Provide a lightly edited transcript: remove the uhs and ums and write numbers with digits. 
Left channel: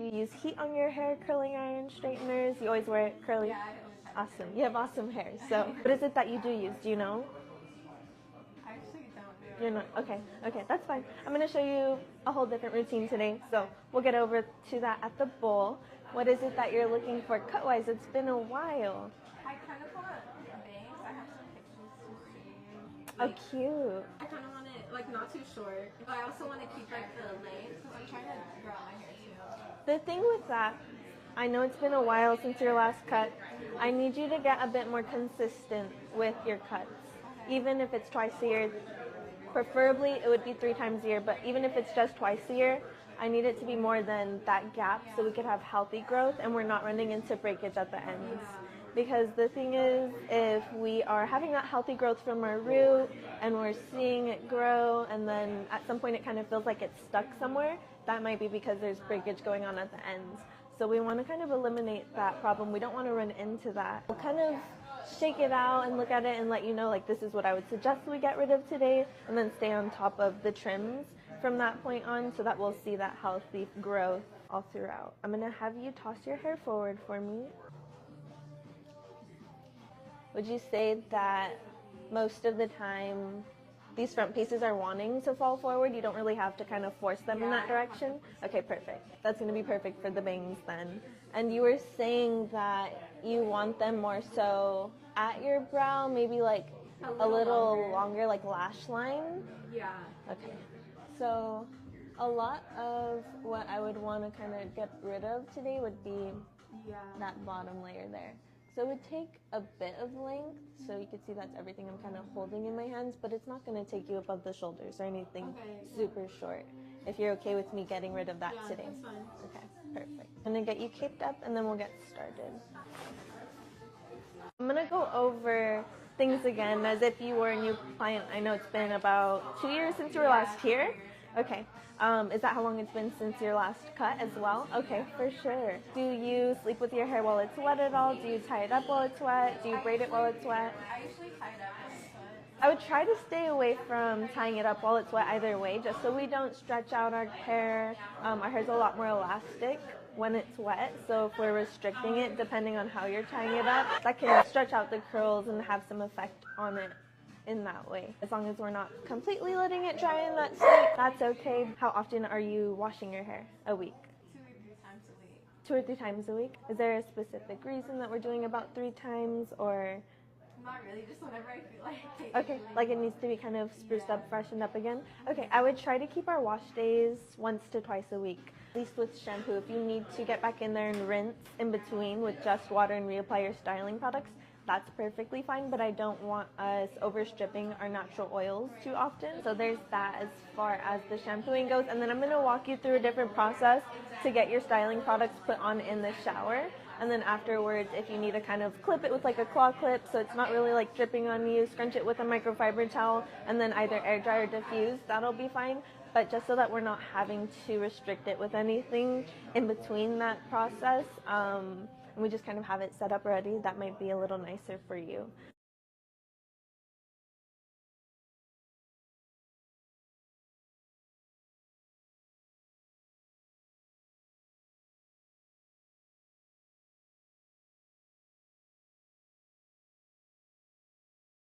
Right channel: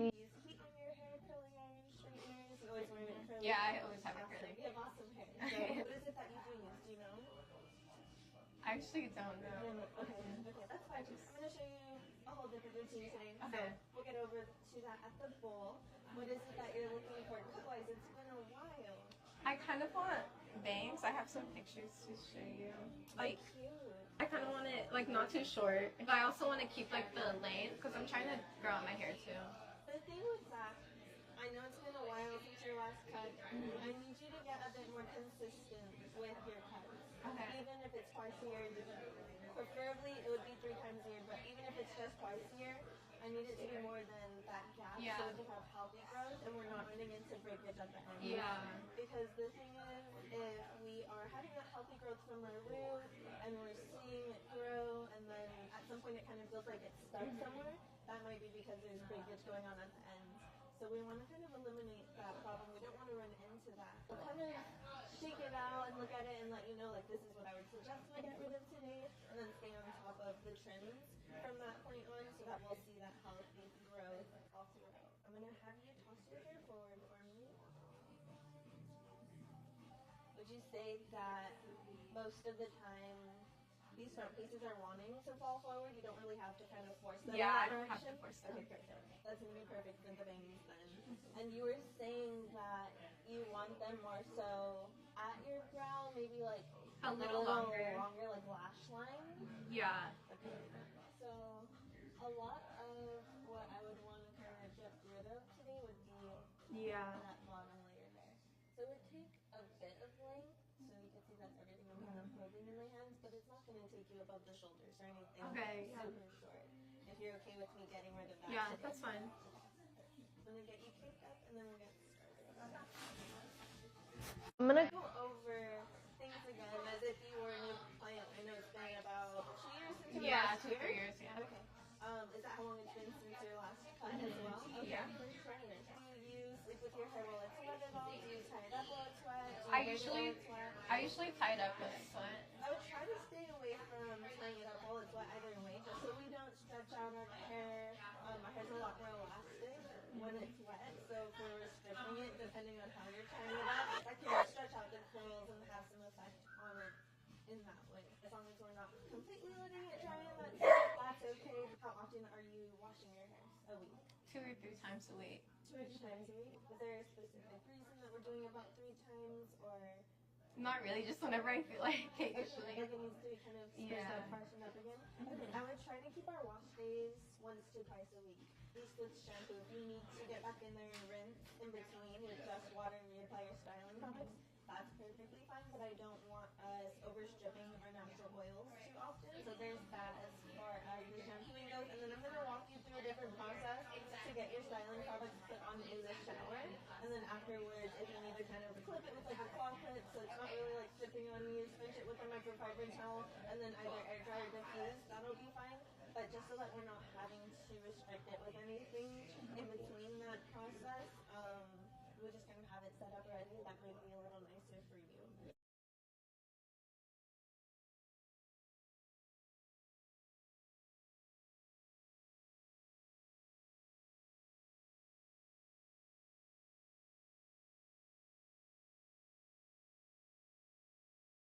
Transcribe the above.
Do you use heat on your hair, curling iron, straighteners? You always wear it curly? Yeah, I always have Awesome. curly. You have awesome hair. So what is it that you do use? Do you know? I actually don't know. You're not? Okay, okay, that's fine. I'm going to show you a whole different routine today. So Okay. we'll get over to that at the bowl. What is it that you're looking for cut-wise? It's been a while. I kind of want bangs. I have some pictures to show you. Oh, cute. I kind of want it like not too short. But I also want to keep like the length because I'm trying to grow out my hair too. The thing with that, I know it's been a while since your last cut. I need you to get a bit more consistent with your cuts. Okay. Even if it's twice a year, preferably it would be 3 times a year, but even if it's just twice a year, I need it to be more than that gap so we could have healthy growth and we're not running into breakage at the ends. Yeah. Because the thing is, if we are having that healthy growth from our root and we're seeing it grow and then at some point it kind of feels like it's stuck somewhere, that might be because there's breakage going on at the ends. So we want to kind of eliminate that problem. We don't want to run into that. We'll kind of shake it out and look at it and let you know, like, this is what I would suggest we get rid of today, and then stay on top of the trims from that point on so that we'll see that healthy growth all throughout. I'm going to have you toss your hair forward for me. Would you say that most of the time these front pieces are wanting to fall forward? You don't really have to kind of force them in that direction? Okay, perfect. That's going to be perfect for the bangs then. And you were saying that you want them more so at your brow, maybe like a little longer, like lash line? Yeah. Okay. So a lot of what I would want to kind of get rid of today would be that bottom layer there. So it would take a bit of length, so you can see that's everything I'm kind of holding in my hands, but it's not going to take you above the shoulders or anything super short. If you're okay with me getting rid of that today. Yeah, that's fine. Okay, perfect. I'm going to get you caped up and then we'll get started. I'm going to go over things again as if you were a new client. I know it's been about 2 years since you were last here. 2 years, Okay. Is that how long it's been since your last cut as well? Okay, for sure. Do you sleep with your hair while it's wet at all? Do you tie it up while it's wet? Do you braid it while it's wet? I usually tie it up when it's wet. I would try to stay away from tying it up while it's wet either way, just so we don't stretch out our hair. Our hair's a lot more elastic when it's wet, so if we're restricting it, depending on how you're tying it up, that can stretch out the curls and have some effect on it in that way. As long as we're not completely letting it dry in that state, that's okay. How often are you washing your hair a week? 2 or 3 times a week. 2 or 3 times a week? Is there a specific reason that we're doing about 3 times, or? Not really, just whenever I feel like it. Okay, like it needs to be kind of spruced up, freshened up again? Okay, I would try to keep our wash days once to twice a week. At least with shampoo, if you need to get back in there and rinse in between with just water and reapply your styling products, that's perfectly fine, but I don't want us overstripping our natural oils too often. So there's that as far as the shampooing goes. And then I'm going to walk you through a different process to get your styling products put on in the shower. And then afterwards, if you need to kind of clip it with like a claw clip so it's not really like dripping on you, scrunch it with a microfiber towel and then either air dry or diffuse, that'll be fine. But just so that we're not having to restrict it with anything in between that process, and we just kind of have it set up ready, that might be a little nicer for you.